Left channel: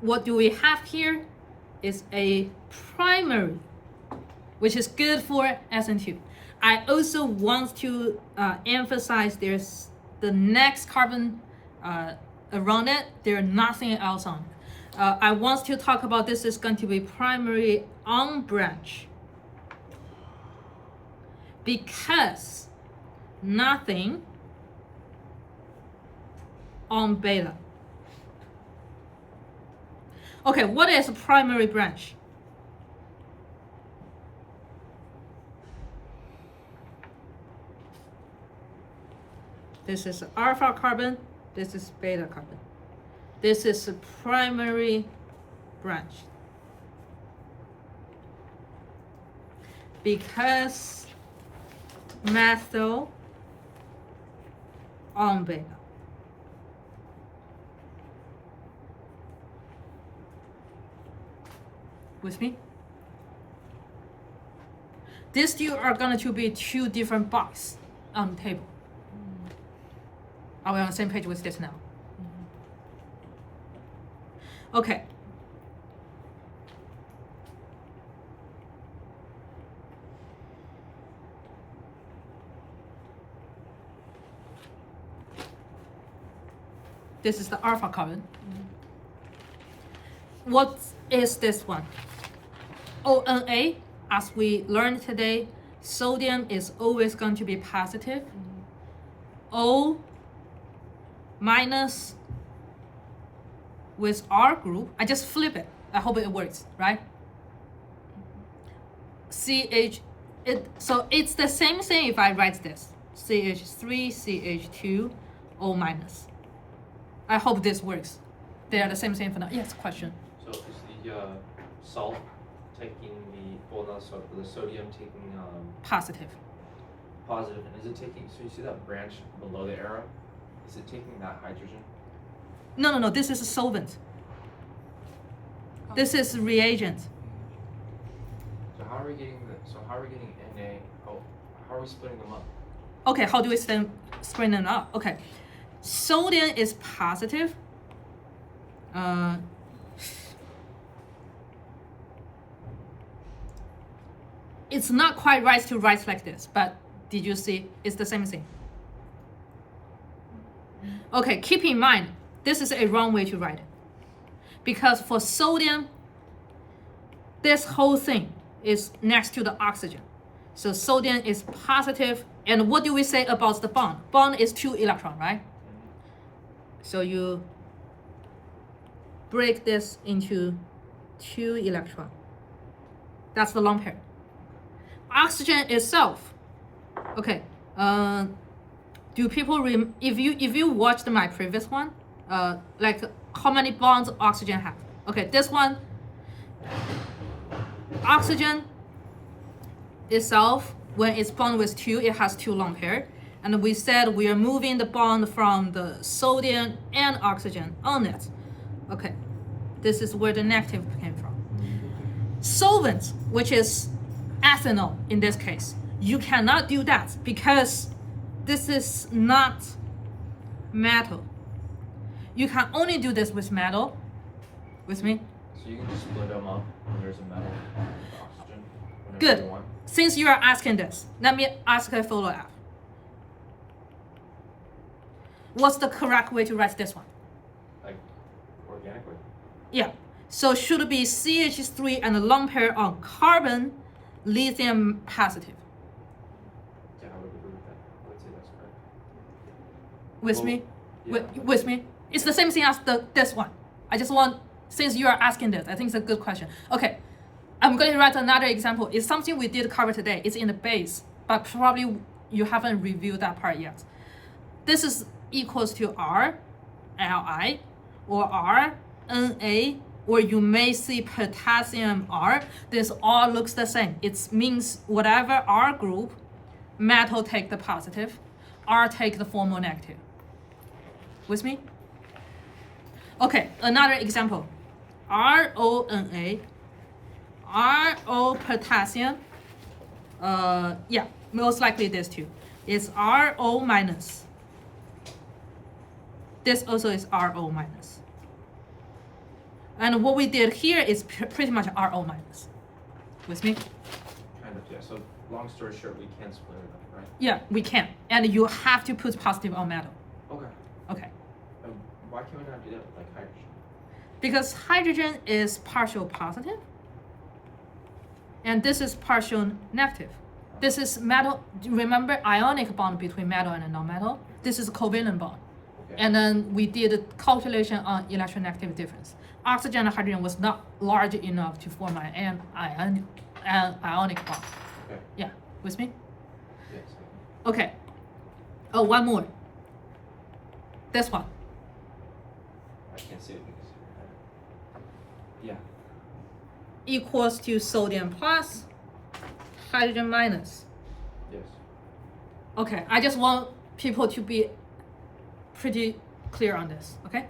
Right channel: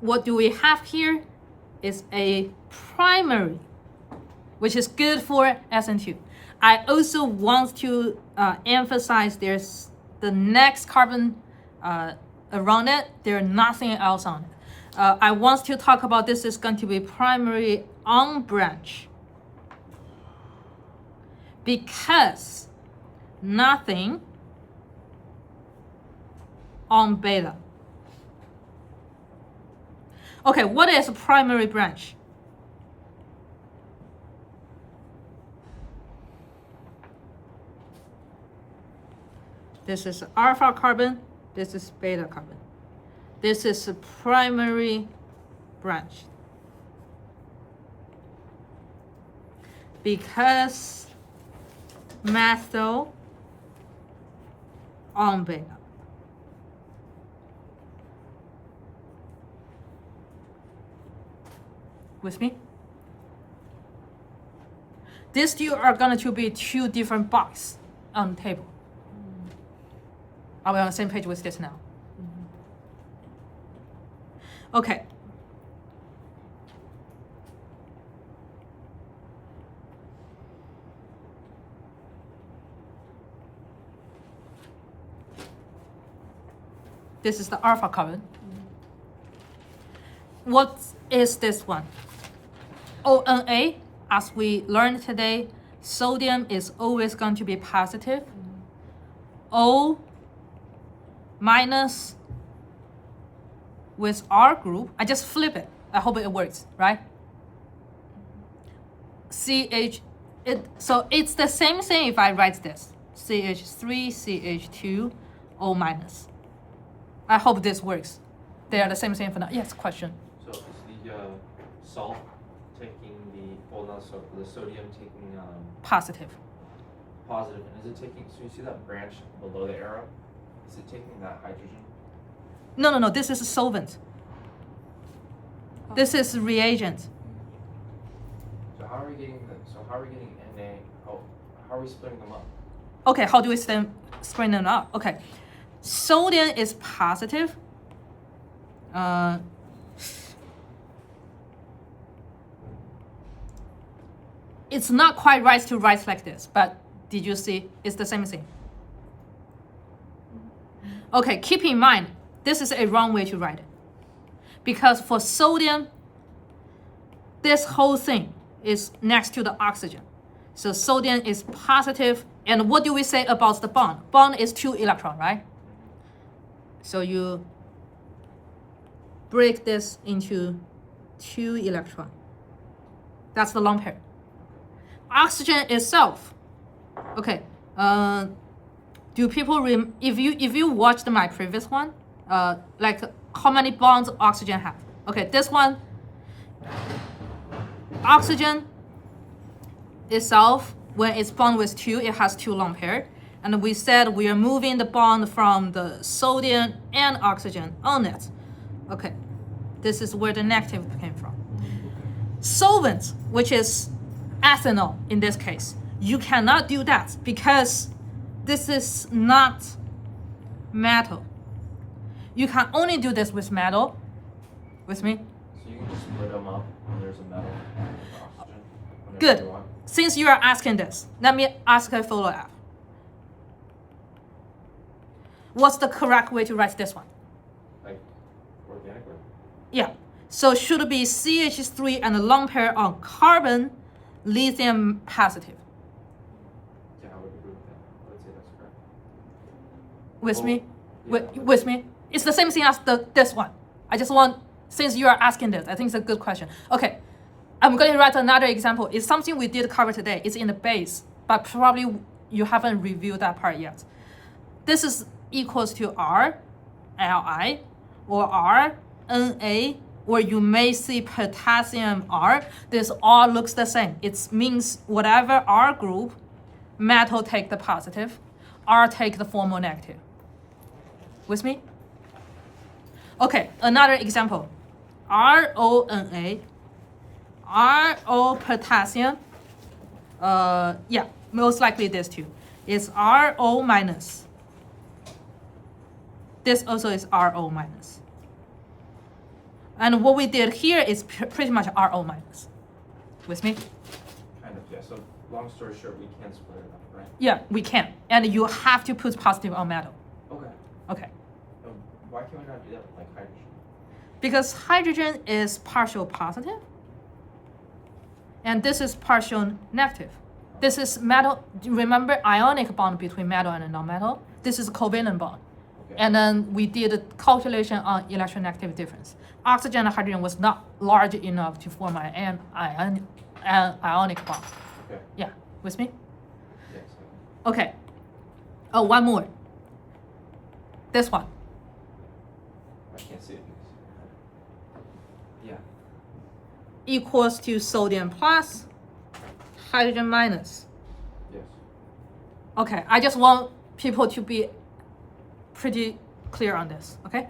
what do we have here is a primary, which is good for SN2. I also want to emphasize there's the next carbon around it, there's nothing else on. I want to talk about this is going to be primary on branch because nothing on beta. Okay, what is a primary branch? This is alpha carbon, this is beta carbon. This is a primary branch. Because methyl on beta. With me? These two are going to be two different boxes on the table. Are we on the same page with this now? Okay. This is the alpha carbon. What is this one? ONA, as we learned today, sodium is always going to be positive. O minus with R group, I just flip it. I hope it works, right? CH, so it's the same thing if I write this. CH3, CH2, O minus. I hope this works. They are the same thing for now. Yes, question. So is the salt taking the sodium taking Positive. positive, and is it taking? So you see that branch below the arrow? Is it taking that hydrogen? No. This is a solvent. This is reagent. So how are we getting Na? How are we splitting them up? Okay, how do we screen them up? Okay, sodium is positive. It's not quite right to write like this, but did you see? It's the same thing. Okay, keep in mind, this is a wrong way to write it. Because for sodium, this whole thing is next to the oxygen. So sodium is positive. And what do we say about the bond? Bond is 2 electrons, right? So you break this into 2 electrons. That's the lone pair. Oxygen itself. Okay. Do people if you watched my previous one, like how many bonds oxygen have? Okay, this one, oxygen itself, when it's bond with 2, it has 2 lone pair. And we said we are moving the bond from the sodium and oxygen on it. Okay, this is where the negative came from. Solvent, which is ethanol in this case, you cannot do that because this is not metal. You can only do this with metal. With me? So you can just split them up when there's a metal with oxygen. Good. Since you are asking this, let me ask a follow-up. What's the correct way to write this one? Like organically. Yeah. So should it be CH3 and a lone pair on carbon, lithium positive? Yeah, I would agree with that. I would say that's correct. With Well, me? yeah. With me? It's the same thing as this one. I just want, since you are asking this, I think it's a good question. Okay, I'm going to write another example. It's something we did cover today. It's in the base, but probably you haven't reviewed that part yet. This is equals to R, Li, or R, Na, or you may see potassium R. This all looks the same. It means whatever R group, metal take the positive, R take the formal negative. With me? Okay, another example. RONA, RO potassium, yeah, most likely this too. It's RO minus. This also is RO minus. And what we did here is pretty much RO minus. With me? Kind of, yeah. So long story short, we can split it up, right? Yeah, we can. And you have to put positive on metal. Okay. Okay. Why can we not do that with like hydrogen? Because hydrogen is partial positive, and this is partial negative. This is metal. Remember ionic bond between metal and non-metal? This is covalent bond. Okay. And then we did a calculation on electronegativity difference. Oxygen and hydrogen was not large enough to form an ionic bond. Okay. Yeah, with me? Yes. Okay. Oh, one more. This one. I can't see it because. Yeah. Equals to sodium plus, hydrogen minus. Yes. Okay, I just want people to be pretty clear on this, okay?